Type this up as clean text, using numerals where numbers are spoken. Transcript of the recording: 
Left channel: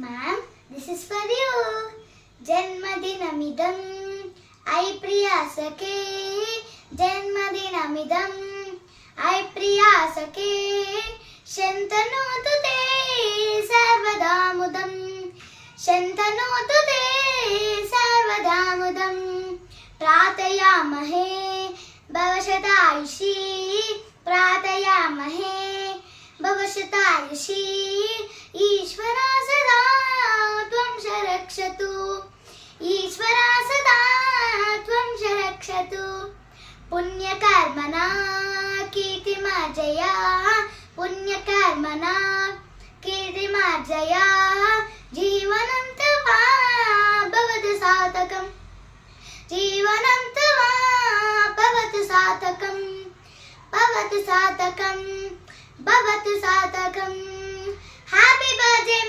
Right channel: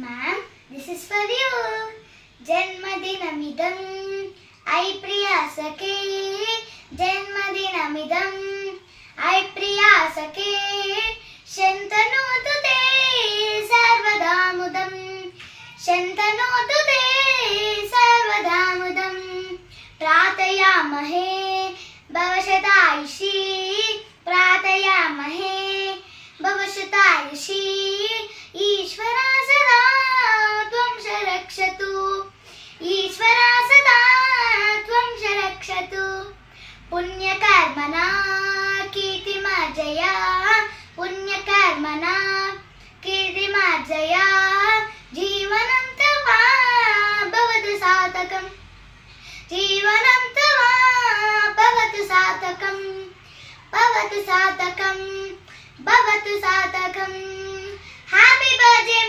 Ma'am, this is for you. Janmadinamidam I priyasake. Janmadinamidam I priyasake. Shantanotu te sarvadamudam. Shantanotu te sarvadamudam. Pratayamahe भवशतायुषी. प्रार्थयामहे भवशतायुषी. ईश्वरा सदा त्वं रक्षतु. ईश्वरा सदा त्वं रक्षतु. पुण्यकर्मणा कीर्तिमार्जया. पुण्यकर्मणा कीर्तिमार्जया. जीवनं तव भवतु सार्थकम्. जीवनं तव भवतु सार्थकम्. भवतु सार्थकम्. भवतु सार्थकम्. Happy birthday